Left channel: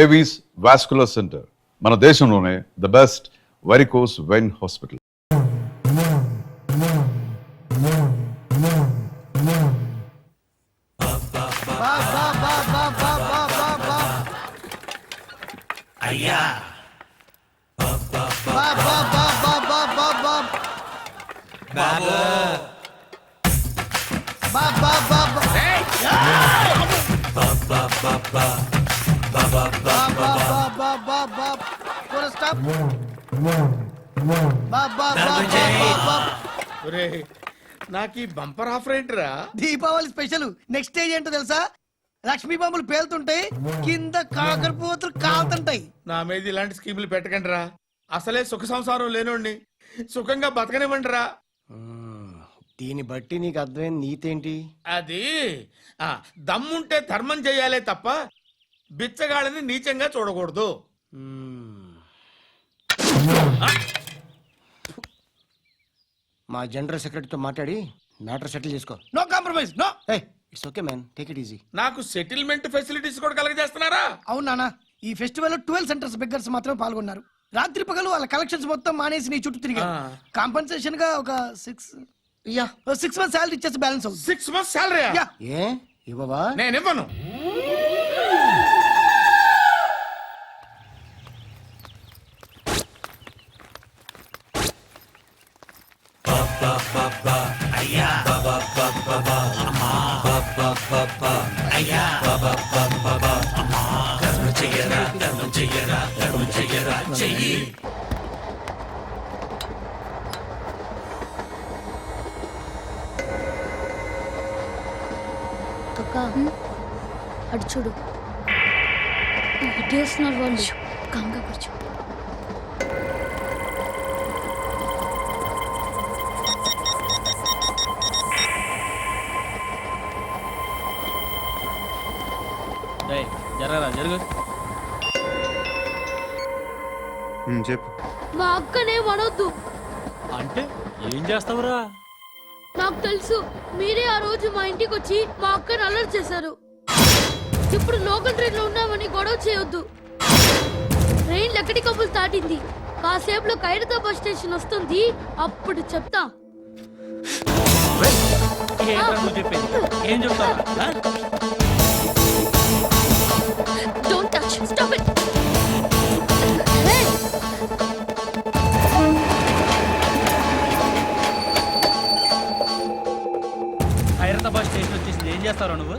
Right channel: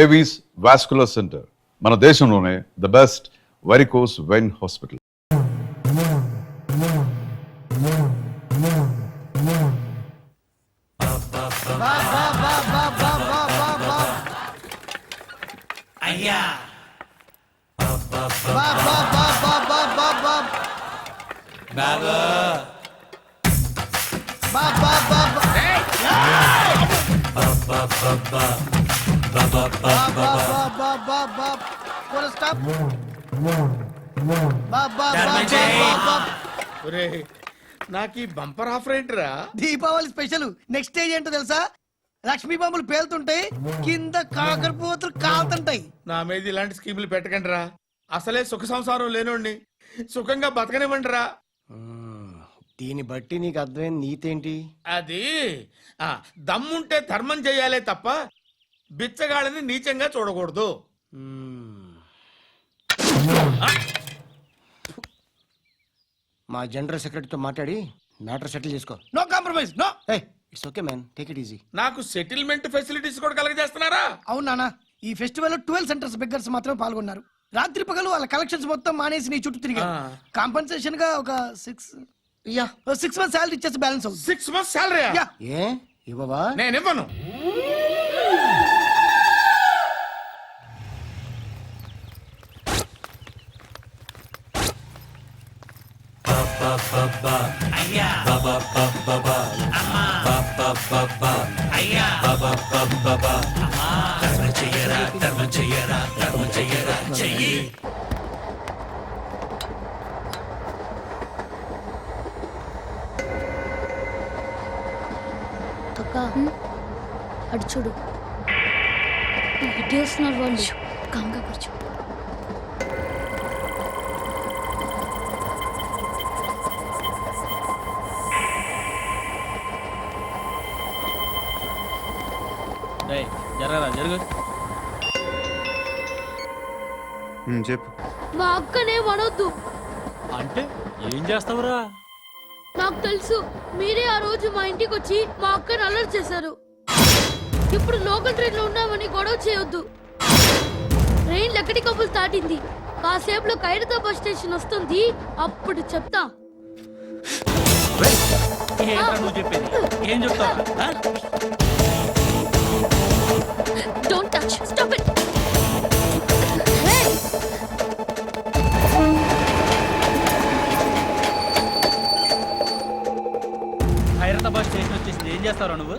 Avis vascular centre, మన దేశంలోనే the best varicose vein hospital. అయ్యా నాకు ఈ బంపర్ ఆఫర్ ఏంట్రా? దీపావళి స్పెషల్. నెక్స్ట్ స్టేజ్ ఏంటో తెలుసా? లక్ష్మీ బాంబులు పేలుతుంటాయి, కింద కాకరపోతులు కాలుతుంటాయి. నా మీద ఇలాంటి స్కీములు పెట్టకండి రా. అసలే సుఖ సంసారం లేనోడిని సుఖంగా బతకనివ్వండి రా. దీన్ని బట్టి నీకు అర్థమైన నీతేంటి? అది దమ్ముంటే ధర్మం చెయ్యాలే తప్ప బిచ్చగాళ్ళని నీచంగా చూడకూడదు. మా జనరల్ సెక్రటరీతో మాట్లాడి మ్యాటర్ సెటిల్ చేసుకో. No compromise, no. It's okay man, take it easy. నాకు సెటిల్మెంట్ ఫెసిలిటీస్ కూడా కలగజేస్తున్నారా? అవును నాన్న, ఈ ఫెస్టివల్ లో 12 సెంటర్స్ బెగ్గర్స్ మాత్రం పాల్గొన్నారు. రాత్రి పగలు వాళ్ళ కలెక్షన్స్ మొత్తం మానేసి నీ చుట్టూ తిరిగారు. కాంపన్సేషన్ గా ఒక 6 మంత్స్ సాలరీ ఇచ్చేసి బ్యాలెన్స్ అవుతుంది. 6 months సాలరీ ఏ ఇవ్వవా? నేను ఇవ్వను. అక్క అటు చూడు, ఇటు వస్తున్నారు వాళ్ళు. కామ్గా కూర్చో. జరగరా జరుగు. చెప్పు. మా అక్కనే వనొద్దు అంటే ఏం చేస్తావురా? నాకు తెలుసు, మీరే ఆ రోజు మా ఇంటికి వచ్చి మా అక్కని అల్లరి చేశారు. ఇప్పుడు లోకల్ ట్రైన్ లో ఉన్నామని గొడవ చేయొద్దు. ట్రైన్ ఎక్కడి కబులు దాటింది. కాసేపులో ఖైరతాబాద్ స్టేషన్ వస్తుంది, అప్పుడు చెప్తా. నువ్వు చెప్పేది ఏం చెప్తావా? Don't touch. Stop it. Khairatabad station వచ్చేసింది, ఏం చేస్తావు నువ్వు?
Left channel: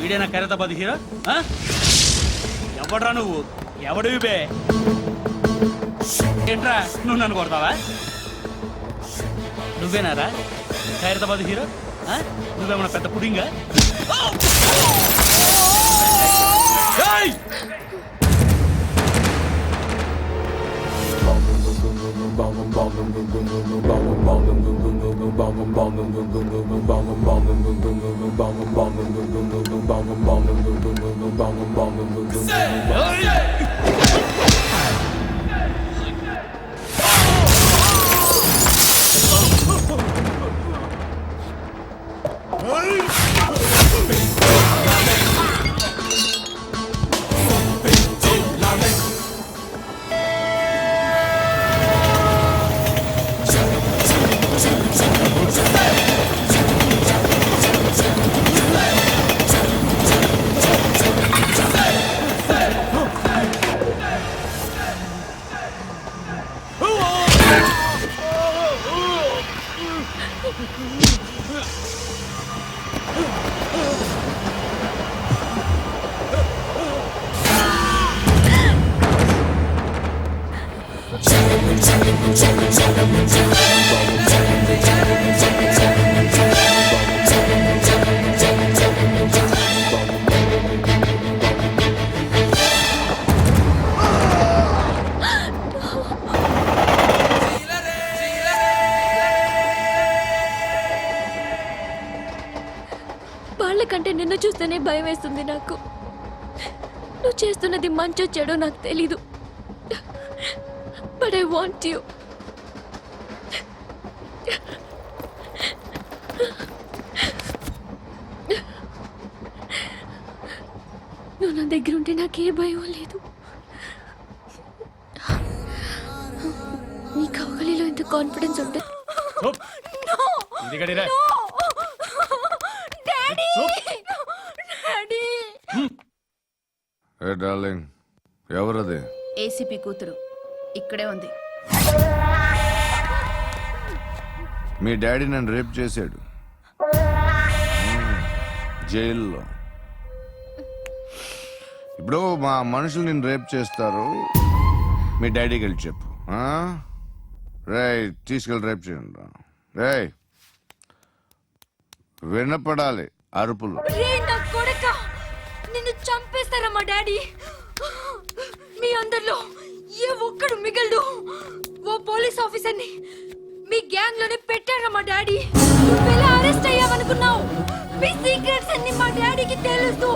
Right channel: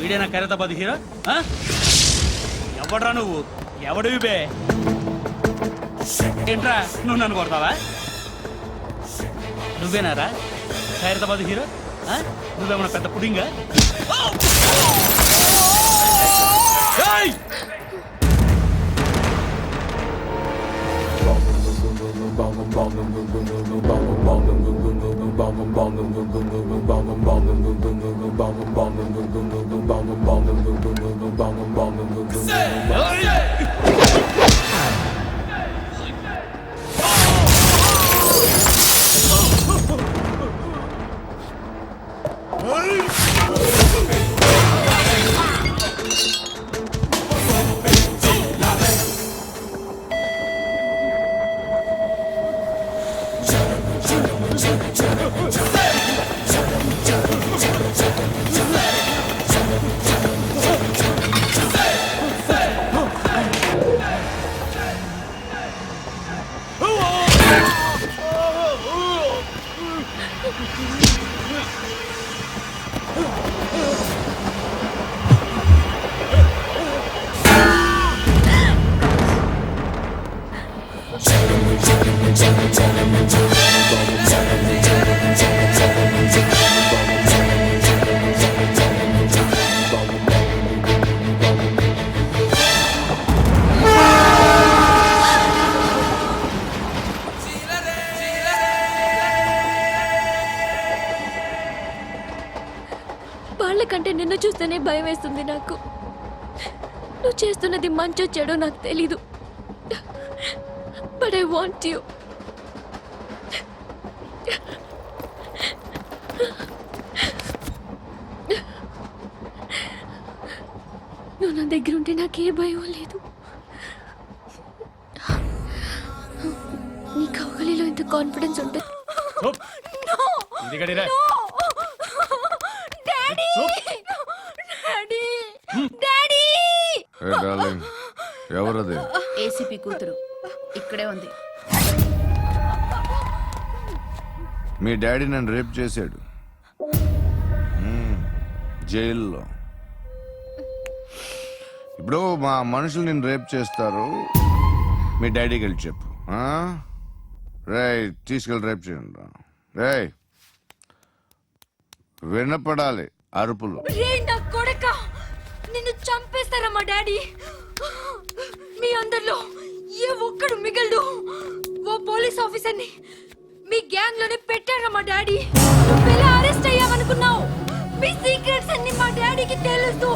వీడేనా ఖైరతాబాద్ హీరో? ఎవడ్రా నువ్వు? ఎవడివి బే? ఏంట్రా నువ్వు నన్ను కొడతావా? నువ్వేనారా ఖైరతాబాద్ హీరో? నువ్వేమన్నా పెద్ద పుడింగా? కంటే నిన్ను చూస్తేనే భయం వేస్తుంది నాకు. నువ్వు చేస్తున్నది మంచో చెడో నాకు తెలీదు. But I want you. నువ్వు నా దగ్గర ఉంటే నాకే భయం లేదు. నీ కౌగలిలో ఎంత కాన్ఫిడెన్స్ ఉంటుంది. ఎవరది? ఏసీపీ కూతురు ఇక్కడే ఉంది. మీ డాడీ నన్ను రేప్ చేశాడు జైల్లో. ఇప్పుడు మా మనుషులు నిన్ను రేప్ చేస్తారు, మీ డాడీకి వెళ్ళి చెప్పు. రేయ్ తీసుకెళ్ళి రేప్ చేయండి. రేయ్ వినపడాలి అరుపులు. నిన్ను చంపేస్తారా మా డాడీ? మీ అందరిలో ఏ ఒక్కడు మిగలడు. ఓ పోలీస్ ఆఫీసర్ని మీ గ్యాంగ్ లోనే పెట్టారా మా డాడీ? నువ్వెలా అరెస్ట్ అయ్యావనుకున్నావు? మీ సీక్రెట్స్ అన్ని మా డాడీకి తెలుసు.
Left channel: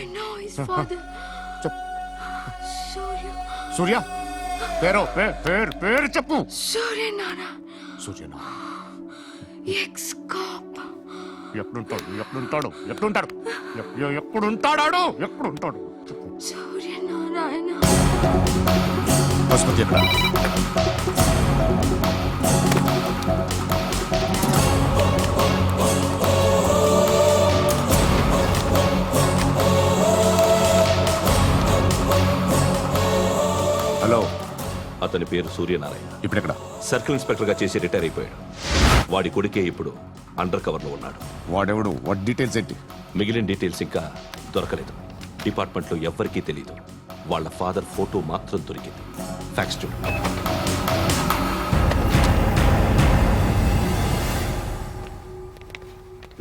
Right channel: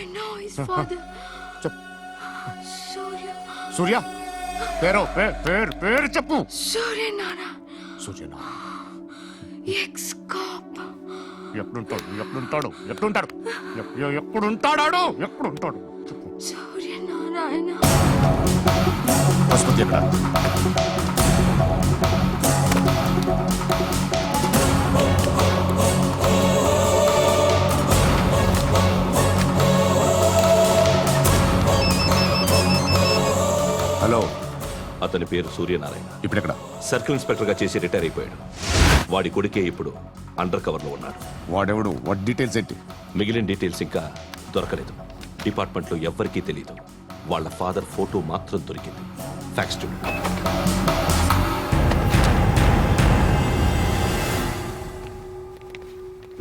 I know his father. Surya. సూర్య పేరు పేరు పేరు చెప్పు. Surya Nana. సూర్య Ex-cop. ఎప్పుడుంటాడు ఎప్పుడుంటాడు ఎప్పుడుంటాడు ఎప్పుడుంటాడు ఎప్పుడుంటాడు చెప్పు. Surya Narayana. ఆసుపత్రి ఎక్కడ? హలో, అతని పేరు సూర్యనారాయణ. ఇప్పుడు ఎక్కడ? సర్కిల్ ఇన్స్పెక్టర్ గా చేసి రిటైర్ అయిపోయాడు. వాడి కొడుకే ఇప్పుడు అండర్ కవర్ లో ఉన్నాడు. వాడెవడు? వాట్ డీటెయిల్స్ ఏంటి? మిగిలిన డీటెయిల్స్ ఇంకా దొరకలేదు. డిపార్ట్మెంట్ లో ఎవ్వరికీ తెలీదు. వాళ్ళ ఫాదర్ ఫోటో మాత్రం దొరికింది. ఫ్యాక్స్ చూడు.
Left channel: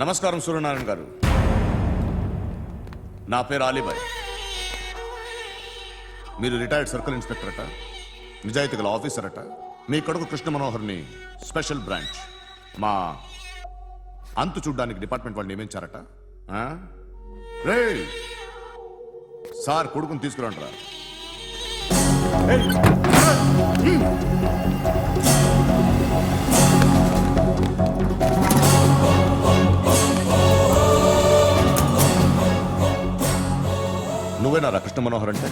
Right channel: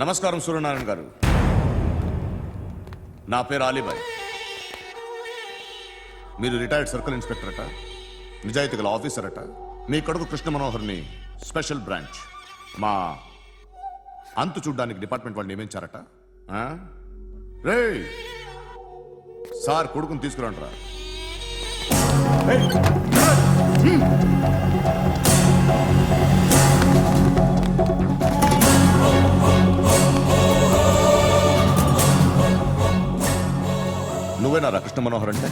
నమస్కారం సూర్యనారాయణ గారు. నా పేరు అలీబాయ్. మీరు రిటైర్డ్ సర్కిల్ ఇన్స్పెక్టర్ అట, నిజాయితీ గల ఆఫీసర్ అట. మీ కొడుకు కృష్ణ మనోహర్ని స్పెషల్ బ్రాంచ్ మా అంతు చూడ్డానికి డిపార్ట్మెంట్ వాళ్ళు నియమించారట. రే సార్ కొడుకుని తీసుకురండి. నువ్వేనారా కృష్ణ మనోహర్ అంటే?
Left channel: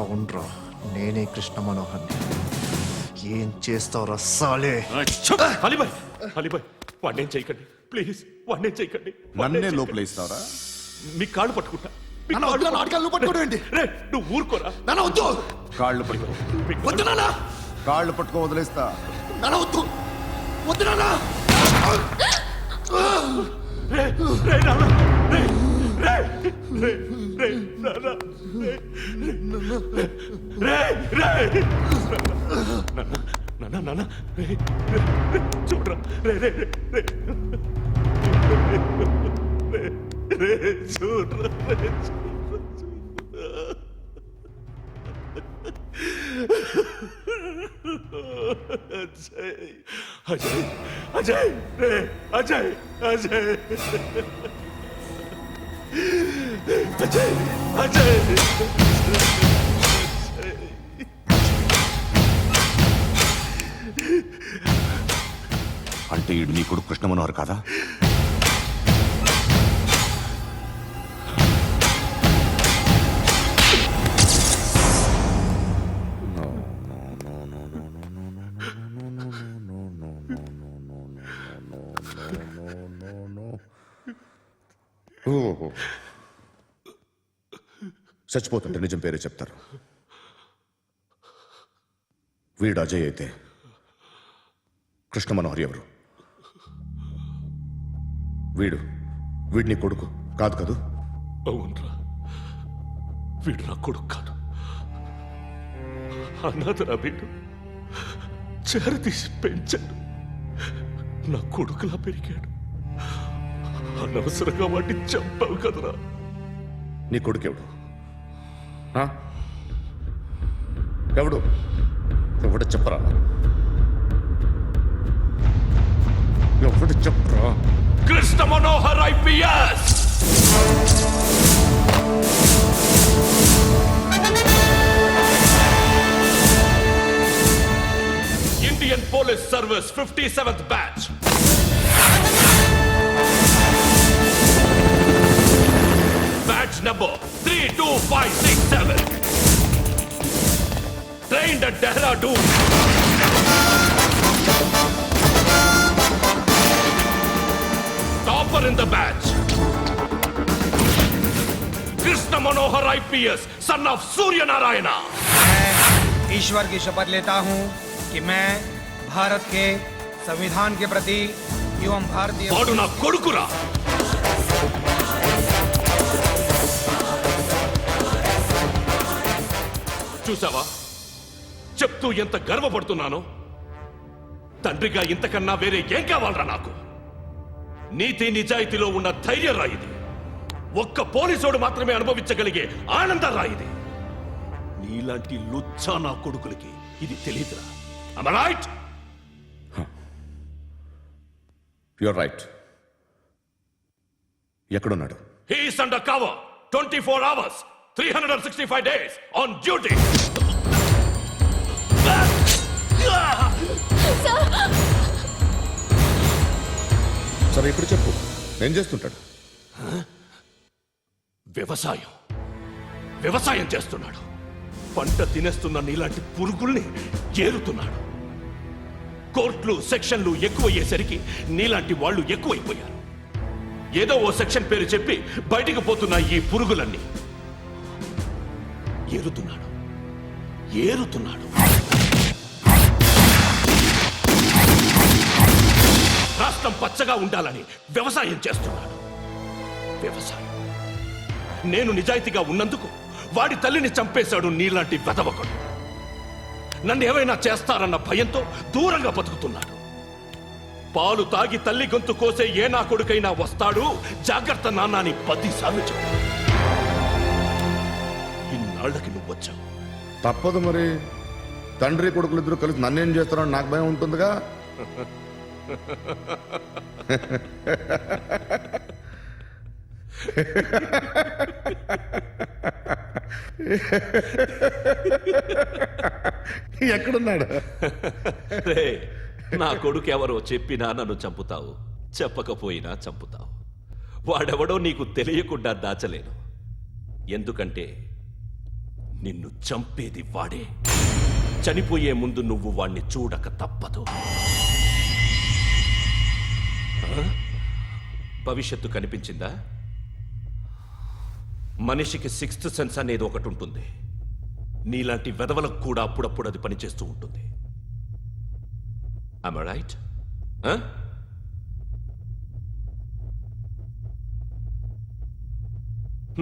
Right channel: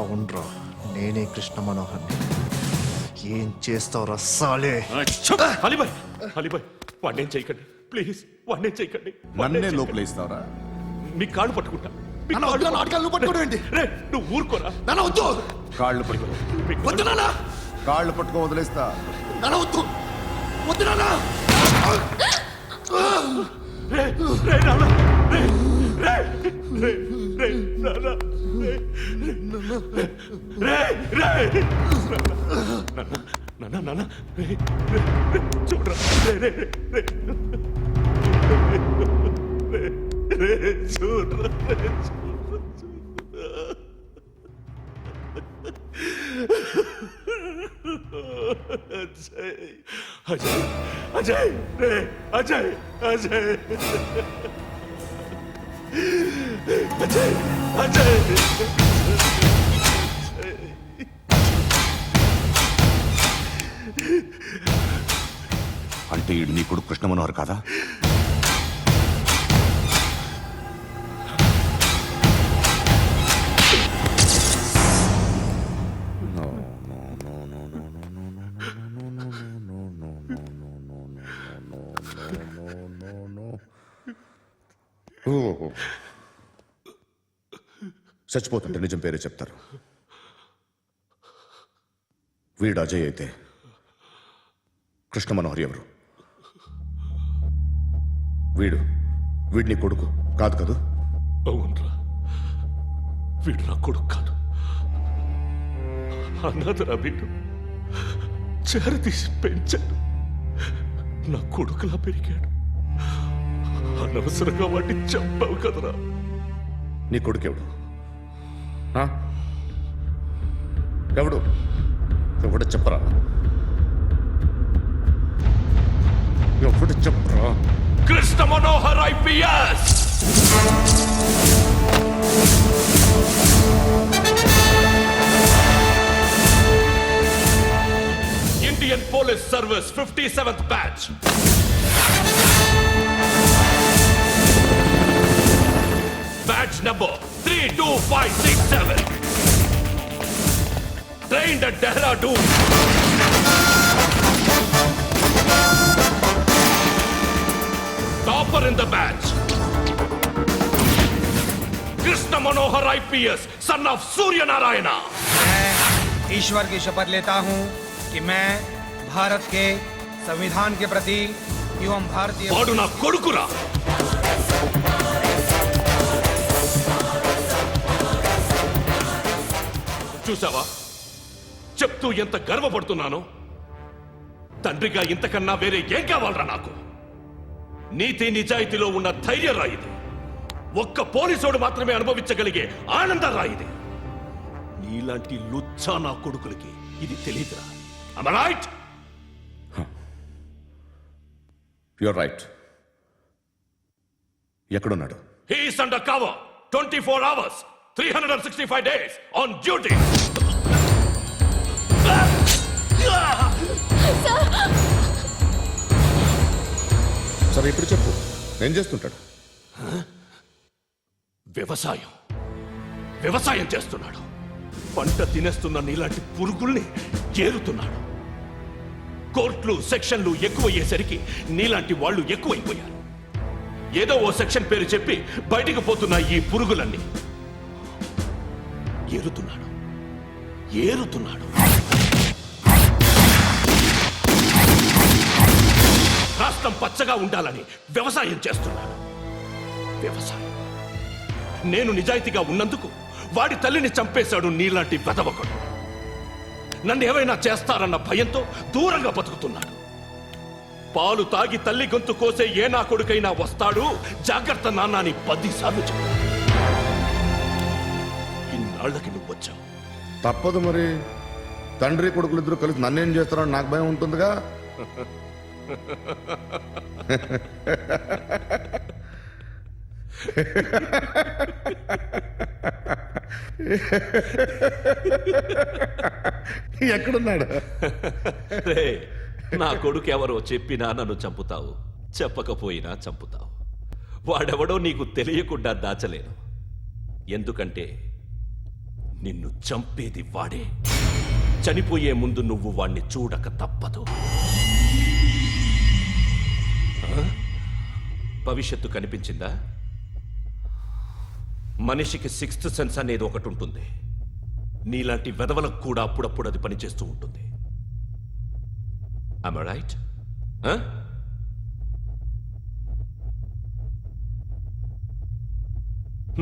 అవునరా, నేనే కృష్ణ మనోహర్ని. ఏం చేస్తావురా సాలే? అలీబాయ్, అలీబాయ్, వాడినేం చేయకండి ప్లీజ్, వాడినేం చేయకండి. నన్నే లోపల ఇస్తావరా? మీ కాళ్ళు పట్టుకుంటా. నువ్వు ఊరుకోరా. కాళ్ళు పట్టుకో. కాళ్ళు పట్టుకో వదిలేస్తా. చూడరా అజయ్, అజయ్, అజయ్, అజయ్, అజయ్, అజయ్. అంటే ఈడు నీ కొడుకు కృష్ణ మనోహర్ కాదా? చచ్చిపోతుంటే నిజం పేరే చెప్తారు. వీడు అజయ్ అయితే కృష్ణ మనోహర్ ఎవరు? వీడిని కొడుకు కాదు కదూ? అవునరా, వీడు నా కొడుకు కాదు. అనాథరా వీడు. చేరతీసి పెంచాడు. నా కొడుకులా పెరిగాడు. అనవసరంగా వాడిని చంపావు కదరా. నీ కొడుకెవడు ఆ? ఎవడు ఎవడు చెప్పరా ఎవడు చెప్పరా Krishna Manohar IPS Indian police service 57th batch batch number 32567 trained at Dehradun. Topper in the batch. Krishna Manohar IPS, son of Surya Narayana. मैं ईश्वर की शपथ लेता हूँ कि मैं भारत के संविधान के प्रति एवं भारतीय వాడు నా కొడుకురా. చూసావా చెప్తూ ఎంత గర్వపడుతున్నానో. తండ్రిగా ఇంతకన్నా వేరే ఏం కావాలరా నాకు? నీతి నిజాయితీలో ఉన్న ధైర్యం రాయిది. ఒక్క పోలీసోడు మాత్రమే అనుభవించగలిగే ఆనందం రాయిది. నీలాంటి లుచ్చా నా కొడుకులకి ఇది తెలియదురా. Am I right? Your right. ఎక్కడున్నాడు? He is under cover 24 hours 365 days on duty. సరే ఇప్పుడు చెప్పు, ఏం చేస్తుంటాడు? వ్యవసాయం చేస్తున్నాడు. పంట తినేస్తున్న నీలాంటి పురుగుల్ని ఏరుతున్నాడు. కోర్టులు సెక్షన్లు ఎక్కువయ్యేసరికి నీలాంటి వాళ్ళు ఎక్కువైపోయారు. ఏదో ఓ సెక్షన్ పేరు చెప్పి బయటికి పోతున్న ఈ పురుగులన్నీ ఏరుతున్నాడు. రాష్ట్రం పచ్చగా ఉండాలని వ్యవసాయం చేస్తున్నాడు. నేను నిజాయితీగా ఉన్నందుకు వాడి తల్లిని చంపేశాడు నీలాంటి వెధవకుడు. నన్ను ఏమైనా చేస్తారన్న భయంతో దూరంగా బతుకుతున్నాడు. పాలు తాగి తల్లి గొంతు కోసే ఏ నా కొడుకైనా వస్తాడు, జాగ్రత్త నాన్న అని 10 సార్లు చెప్పాడు. ఇన్నాళ్ళకి నువ్వు వచ్చావు. తప్పదు మరి, తండ్రి కొడుకులు ఇద్దరు కలిసి నన్నేం చేస్తారని నాకు భయం ఉంటుందిగా. ఎక్కడున్నాడు? నా కొడుకు ఎవరో చెప్పినా నన్ను చంపుతావు, చెప్పకపోయినా చంపుతావు. వాడెవడో నీకు తెలియకుండా దాచలేను. ఎందుకంటే నిన్ను చంపేది వాడే. చనిపోయే ముందు నువ్వు వాణ్ణి చూడక తప్పదు. భవిష్యత్తు కనిపించిందా? మనిషికి 6th సెన్స్ అనేది ఒకటి ఉంటుంది. నీలాంటి వెధవలకు కూడా అప్పుడప్పుడు అది పనిచేస్తూ ఉంటుంది. Am I right?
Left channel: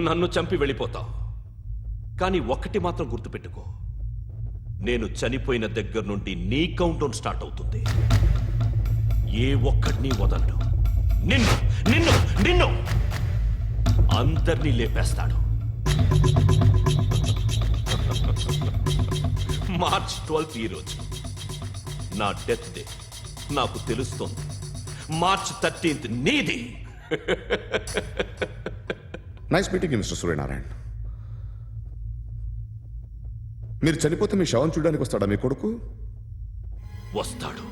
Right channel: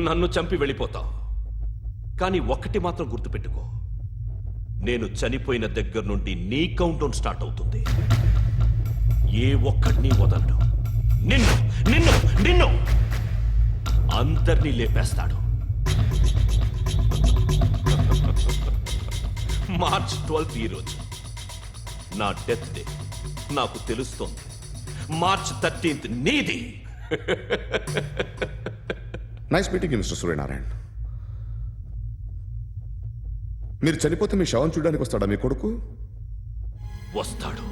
నన్ను చంపి వెళ్ళిపోతావు. కానీ ఒక్కటి మాత్రం గుర్తుపెట్టుకో, నేను చనిపోయిన దగ్గర నుండి నీ కౌంటౌన్ స్టార్ట్ అవుతుంది. ఏ ఒక్కడిని వదలడు. నిన్ను నిన్ను నిన్ను అందరినీ లేపేస్తాడు. మార్చ్ 12th ఈ రోజు నా డెత్ డే. నాకు తెలుస్తోంది మార్చ్ 13th నీది. Nice meeting mister Suryanarayana. మీరు చనిపోతే మీ శవం చూడడానికి వస్తాడా మీ కొడుకు? వస్తాడు.